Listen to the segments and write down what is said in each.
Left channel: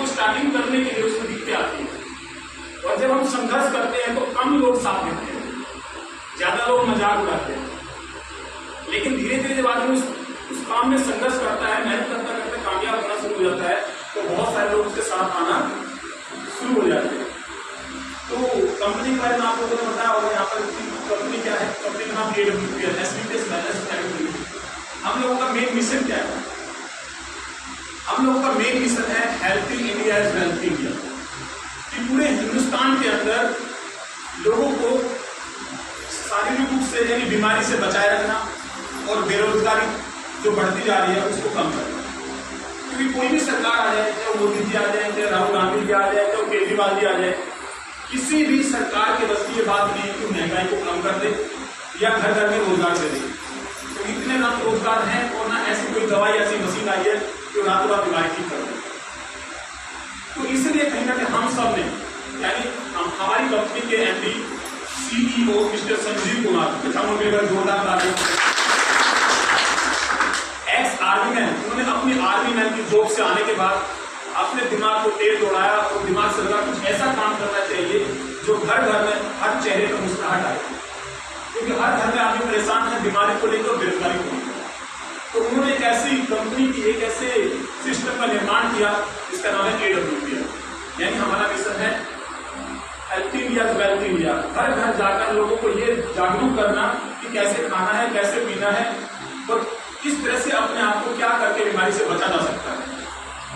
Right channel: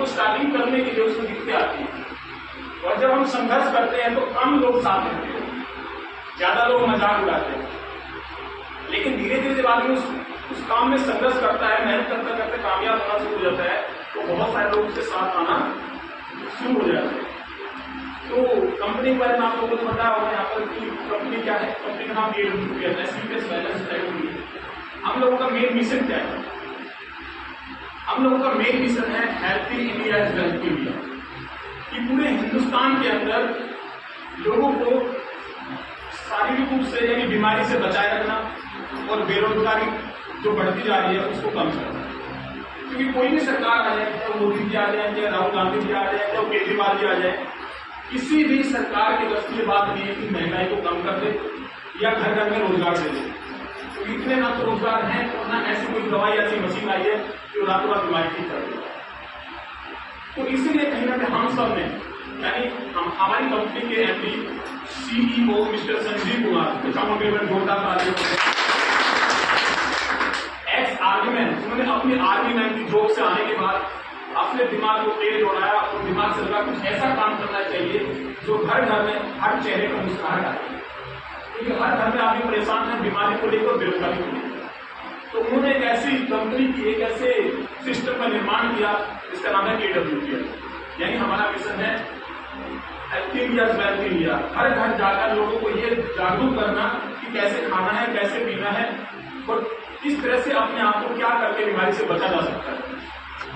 को स्टार्टिंग करने के लिए उसमें दिक्कतें आती हैं, और जब हम संघर्ष करते हैं तो कम लोग साथ देते हैं, ज्यादा लोग मजाक उड़ाते हैं। लेकिन धीरे धीरे जब आदमी उस काम में संघर्ष करता है, मेहनत करते करते कामयाब होना शुरू हो जाता है, तो बहुत सारे लोग उसके साथ आना शुरू हो जाते हैं। तो कंपनी के बारे में आप लोगों को पता होगा, यहाँ पर कंपनी क्या है, कंपनी का नाम AWPL एसबीपीएस मैनेज प्राइवेट। हम लोगों का मेन मिशन क्या है? हम लोगों का मेन मिशन है healthy India is wealthy India, कि पूरे हिंदुस्तान के अंदर लोगों को शारीरिक रूप से यानी बीमारी से बचाए रखना और बेरोजगारी जो बढ़ती जा रही है उसको कम करना। क्योंकि कोई भी सरकार आ जाए, चाहे मोदी जी आ जाए, चाहे राहुल गांधी जी आ जाए, चाहे केजरीवाल जी आ जाए, किसी भी सरकार के बस की ये बात नहीं है कि महंगाई को कम कर दे या घर घर में रोजगार दे दे। तो इतने ना तो रोजगार हैं और ना ऐसी कोई दवाई ऐसी मशीन आई है जो रातों रात बीमारी ठीक कर दे। तो इसलिए कहीं ना कहीं हम सब ने, यानी हमारी कंपनी के MD CEO mister Sanjeev Kumar, जोरदार तालियां, एक्स आर्मी मैन, उन्होंने अपनी आर्मी मैन की जॉब से आने के बाद अपने दिमाग को तेज दौड़ाया और दिमाग से लगा कुछ ऐसा काम करना चाहिए जो घर घर में हर चेहरे पर मुस्कुराहट आए, क्योंकि हर घर में आदमी परेशान है बीमारी को लेकर, बेरोजगारी को लेकर। तो उन्होंने एक ऐसी कंपनी की, एक ऐसे सिस्टम का निर्माण किया जिसका नाम है AWPL, यानी हमारा मिशन है हेल्थी इंडिया वेल्थी इंडिया। हर घर जाकर लोगों को ये जागरूक करना कि कैसे खाना है, कैसे पीना है और किस तरह से अपने आप को क्या करके बीमारी से बचा जा सकता है।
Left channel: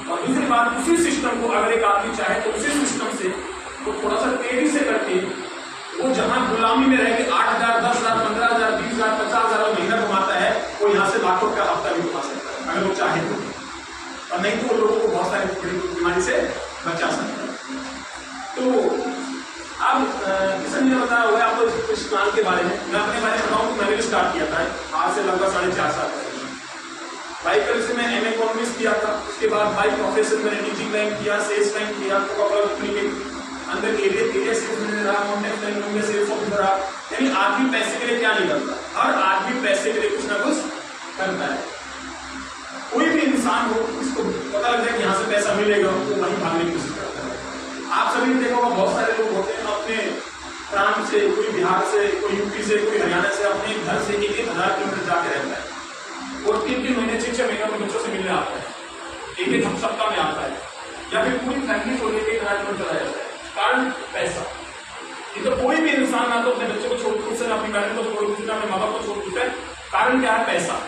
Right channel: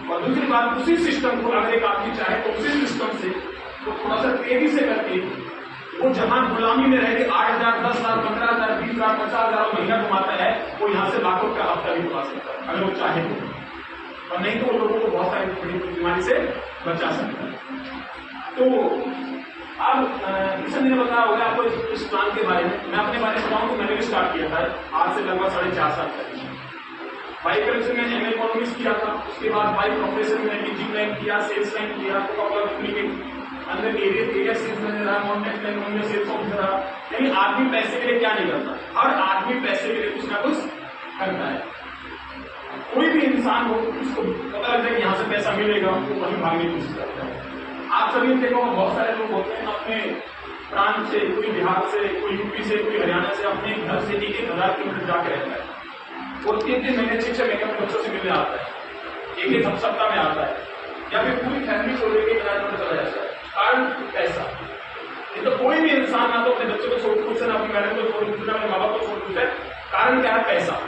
और दूसरी बात, उसी सिस्टम को अगर एक आदमी चाहे तो उसी सिस्टम से तो थोड़ा सा तेजी से करके वो जहां गुलामी में रह के 8,000, 10,000, 15,000, 20,000, 50,000 महीना कमाता है, वो यहाँ से लाखों का हफ्ता भी कमा सकता है अगर वो चाहे तो, और नहीं तो वो लोगों को बहुत सारी बीमारी से बचा सकता है। तो अब किशन ने बताया हुआ है आपको इस प्लान के बारे में। मैं अपने बारे में बताऊं तो मैंने भी स्टार्ट किया था आज से लगभग 4.5 साल पहले। बाई कॉलेज से मैंने MA इकोनॉमिक्स किया था, उसके बाद बाई प्रोफेशन मैंने टीचिंग लाइन किया, सेल्स लाइन किया, कंपनी के अंदर एरिया सेल्स मैनेजर रहा, कॉन्टैक्ट लाइन में सेल्स ऑफिसर रहा। यानी आदमी पैसे के लिए क्या नहीं करता, हर आदमी पैसे के लिए कुछ ना कुछ करता है। कोई भी इंसान हो, इसको पता लग जाए कि यहाँ से पैसा मिलेगा, वो वहीं भागने की कोशिश करता है। आप सभी देखो बहुत सारे लोग होते हैं अपने प्रांत से, कोई बिहार से, कोई यूपी से, कोई हरियाणा से, अपने घर से 1,000 किलोमीटर जाके रहता है और 3 महीने 6 महीने अपने बच्चों से मिलने आता है, एक सप्ताह में आता है, या फिर पूरी फैमिली को लेकर इलाज चला जाता है। कारण पैसा। ये तो कोई भी इंसान ना तो अपने बच्चों को छोड़ खुद से, ना अपनी मैडम को छोड़ खुद से, ना अपने माँ बाप को छोड़ खुद से। कारण क्या है? पैसा।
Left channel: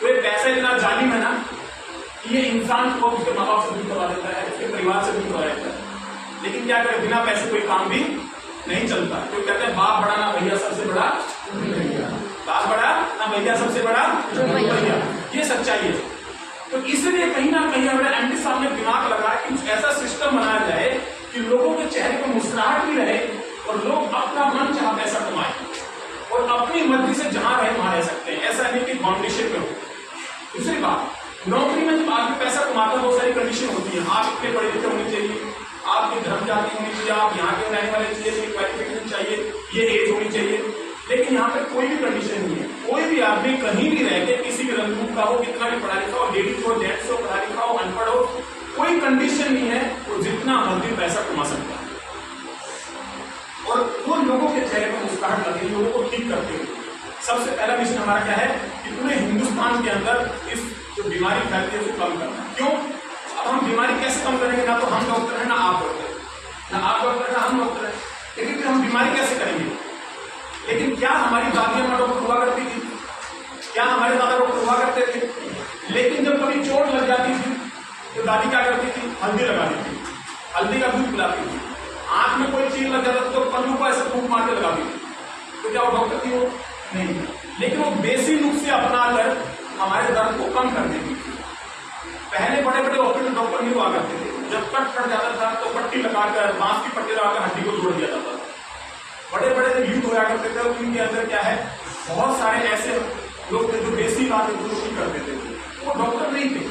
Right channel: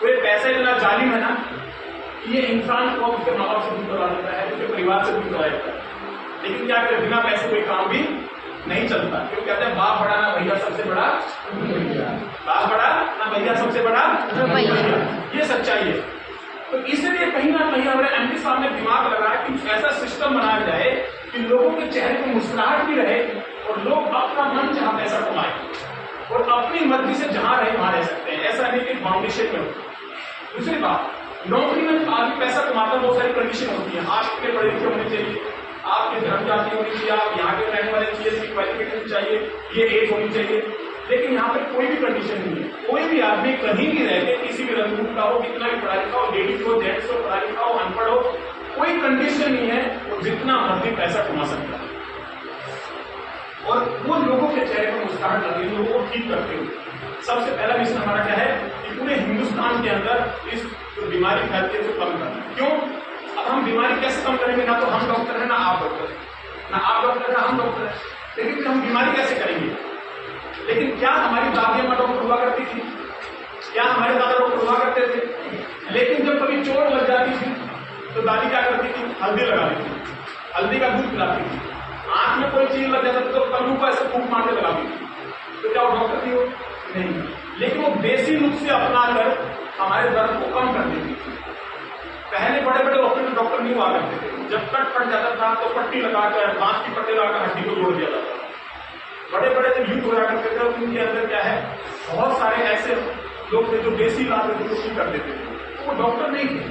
तो ये पैसा इतना जालिम है ना कि ये इंसान को उसके माँ बाप से दूर करवा देता है, उसके परिवार से दूर करवा देता है। लेकिन क्या करें, बिना पैसे कोई काम भी नहीं चलता। क्यों कहते हैं बाप बड़ा ना भैया सबसे बड़ा, बाप बड़ा ना भैया सबसे बड़ा भैया, ये सच्चाई है। तो इसलिए कहीं ना कहीं हमारे MD साहब ने दिमाग लगाया कि कुछ ऐसा सिस्टम बनाया जाए कि लोगों के चेहरे पर मुस्कुराहट भी रहे और लोग अपना मन चाह पैसा कमाए और अपनी मर्जी से जहां रहे वहां रह सकते हैं। ऐसा नहीं कि फाउंडेशन में हो। दूसरी बात, नौकरी में आदमी पैसा कमाता है, बहुत सारी कंडीशन होती है। आप इतने पढ़े लिखे होने चाहिए, आपके धर्म जाति होनी चाहिए, आप यहाँ के रहने वाले चाहिए, क्वालिफिकेशन चाहिए, ये एज होनी चाहिए। लेकिन यहाँ पर कोई भी कंडीशन नहीं है। कोई भी आदमी कहीं भी रह के किसी भी रंग का हो, कितना भी पढ़ा लिखा हो, लेडीज हो, जेंट्स हो, पढ़ा लिखा हो, अनपढ़ हो, कोई कंडीशन नहीं है, वो जितना मर्जी पैसा कमा सकता है। और वो लोगों के चेहरे पर मुस्कुराहट लाती है, लोगों को ठीक करते हुए। सबसे पहला मिशन हमारा क्या है कि पूरे हिंदुस्तान के अंदर इस जो बीमारी फैलती है उसको कम करना। क्यों? अब हम बीमारी कैसे कम करेंगे? ना तो हम डॉक्टर है, ना आप डॉक्टर, ना आप डॉक्टर, ना हम डॉक्टर है। लेकिन फिर हम बीमारी कैसे करेंगे? लेकिन क्या हमारी दादी अम्मा डॉक्टर हुआ करती थी? क्या हमारे दादा डॉक्टर हुआ करते थे? लेकिन जब कभी चोट लग जाती थी तो दादी क्या करती थी? हल्दी लगाती थी, हल्दी का दूध पिलाती थी। आंख में कोई चीज लग जाता था तो पल्लू को ऐसे फूंक मार के लगाती थी। तो क्या वो डॉक्टर थी? वो नहीं। लेकिन वो देसी नुस्खे अपनाकर हमारे दर्द को कम कर देती थी। पहले बड़े बड़े ऑपरेशन डॉक्टर नहीं हुआ करते थे। जब कट फट जाता था तो पट्टी लगाकर, बांस की पट्टी लगाकर हड्डी को जोड़ दिया जाता था। बड़े बड़े जब युद्ध हुआ करते थे उनके अंदर क्या है, बहुत सारे ऐसे लोग थे जो देसी इलाज कर देते थे। वो डॉक्टर नहीं थे,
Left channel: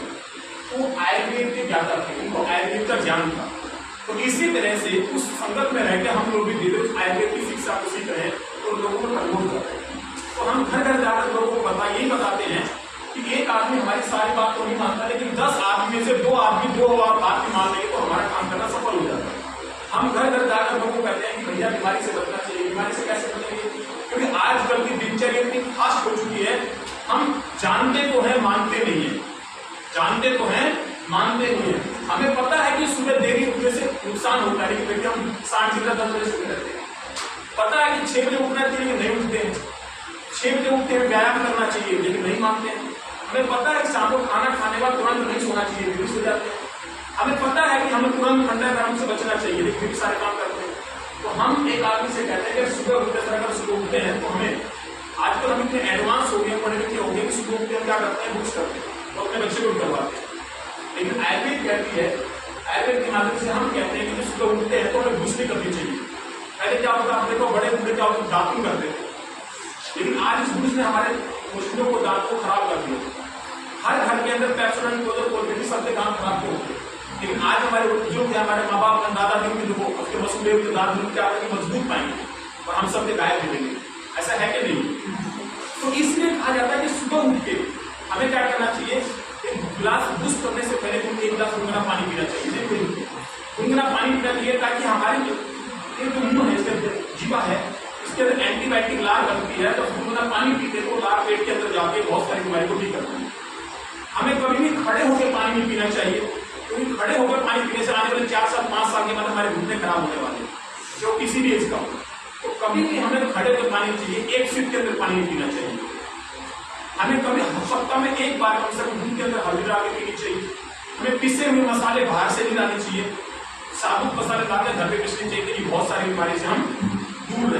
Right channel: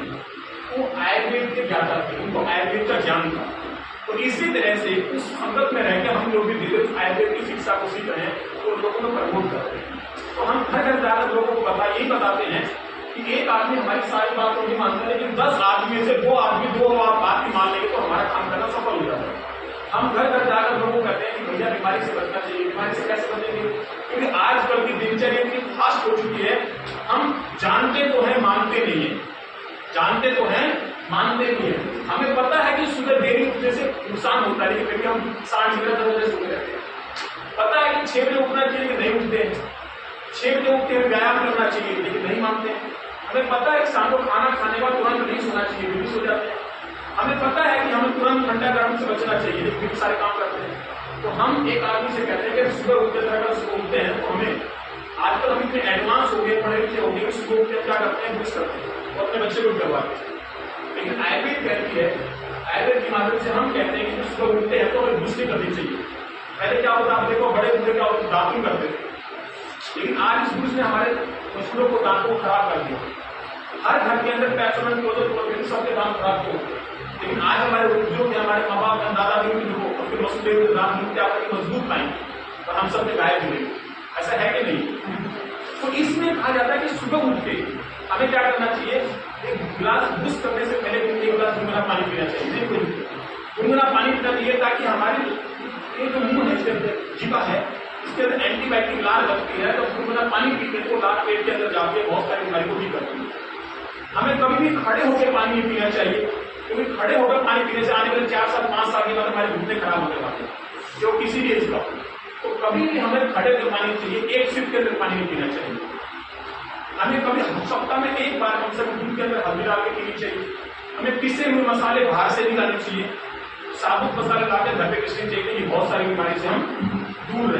वो आयुर्वेद के ज्ञाता थे, उनको आयुर्वेद का ज्ञान था। तो इसी तरह से उस संगत में रहकर हम लोग भी धीरे आयुर्वेद की शिक्षा को सीख रहे हैं और लोगों को प्रमोट करते हैं। तो हम घर घर जाकर लोगों को यही बताते हैं कि एक आदमी हमारी सारी बात को नहीं मानता, लेकिन 10 आदमी से 2 आदमी 2 बात की मान लेंगे तो हमारा हम घर घर जाकर लोगों को कहते हैं कि भैया बीमारी से बचना चाहिए। बीमारी से कैसे बचेंगे? क्योंकि आजकल की दिनचर्या इतनी फास्ट हो चुकी है, हम जानते तो हैं मानते नहीं है, जानते तो हैं मानते नहीं है। हमें पता है कि सुबह देरी उठने से नुकसान होता है, लेकिन भैया हम 60-10 बजे सोने लगते हैं। पता है कि 6 बजे उठना चाहिए, लेकिन नहीं उठते हैं। 6 बजे उठते हैं, व्यायाम करना चाहिए, लेकिन नहीं मानते हैं। हमें पता है कि शाम को खाना खाने के बाद तुरंत नहीं सोना चाहिए, फिर भी सो जाते हैं। हमें पता है कि हमें तुरंत ठंडा गर्म से बचना चाहिए, लेकिन फिर भी सारे काम करते हैं। तो हम एक आदमी से कहते हैं कि सुबह उठते समय अगर सुबह उठते हैं तो हमें, आजकल हम इतने एडवांस हो गए, पढ़े लिखे हो गए कि सुबह उठते क्या करते हैं, बुक्स करते हैं और अपने बच्चे को करवाते हैं। लेकिन आयुर्वेद कहती है, आयुर्वेद के माध्यम से हम कहते हैं कि जो सुबह उठते हैं तो हमें बुक्स नहीं करनी चाहिए। पहले क्या होता, आप देखो बड़े बूढ़े क्या होता, दातुन करते थे, लेकिन आज इस बुक्स ने हमारे मशीनों को, दांतों को खराब कर दिया। हर घर के अंदर पैसोमेंट को सबके दांत खराब क्यों होते हैं? लेकिन आज हमारे बुजुर्ग थे, हमारे माँ बाप, दादा भी उसके मसूले हुए दांत क्या मजबूत पाएंगे और हम सब गायब भी देंगे। ऐसा है कि नहीं? तो इसमें कहा जाता है कि सुबह उठ के हमें क्या करना चाहिए, एक गिलास ब्रश करने से पहले एक गिलास गुनगुना पानी पीना चाहिए। गुनगुना पानी पीना चाहिए ताकि हमारी ये जो मुंह है, इसके अंदर जीवा है, इसके अंदर एंटीबायोटिक लार बनती है। तो गुनगुना पानी पीते तो लार पेट के अंदर जाके बहुत सारी बीमारी को ठीक करती है। हमें कभी भी खड़े होकर पानी नहीं पीना चाहिए, क्योंकि खड़े होकर पानी पीने से आने वाले 4 साल 5 साल के बाद हमारे घुटने खराब होने वाले हैं, जो किसी भी एज का। तो कभी भी हमें खड़े होकर पानी चाहिए, एक सिप के अंदर पानी नहीं पीना चाहिए। हमें कभी सप्ताह में एक बार कम से कम दूध के अंदर हल्दी डाल के पीनी चाहिए। हमें पिसे हुए मसाले बाहर से नहीं लाने चाहिए, साबुत मसाले लाते घर पे पिसने चाहिए कि बहुत सारी बीमारी से हम दूर रहें।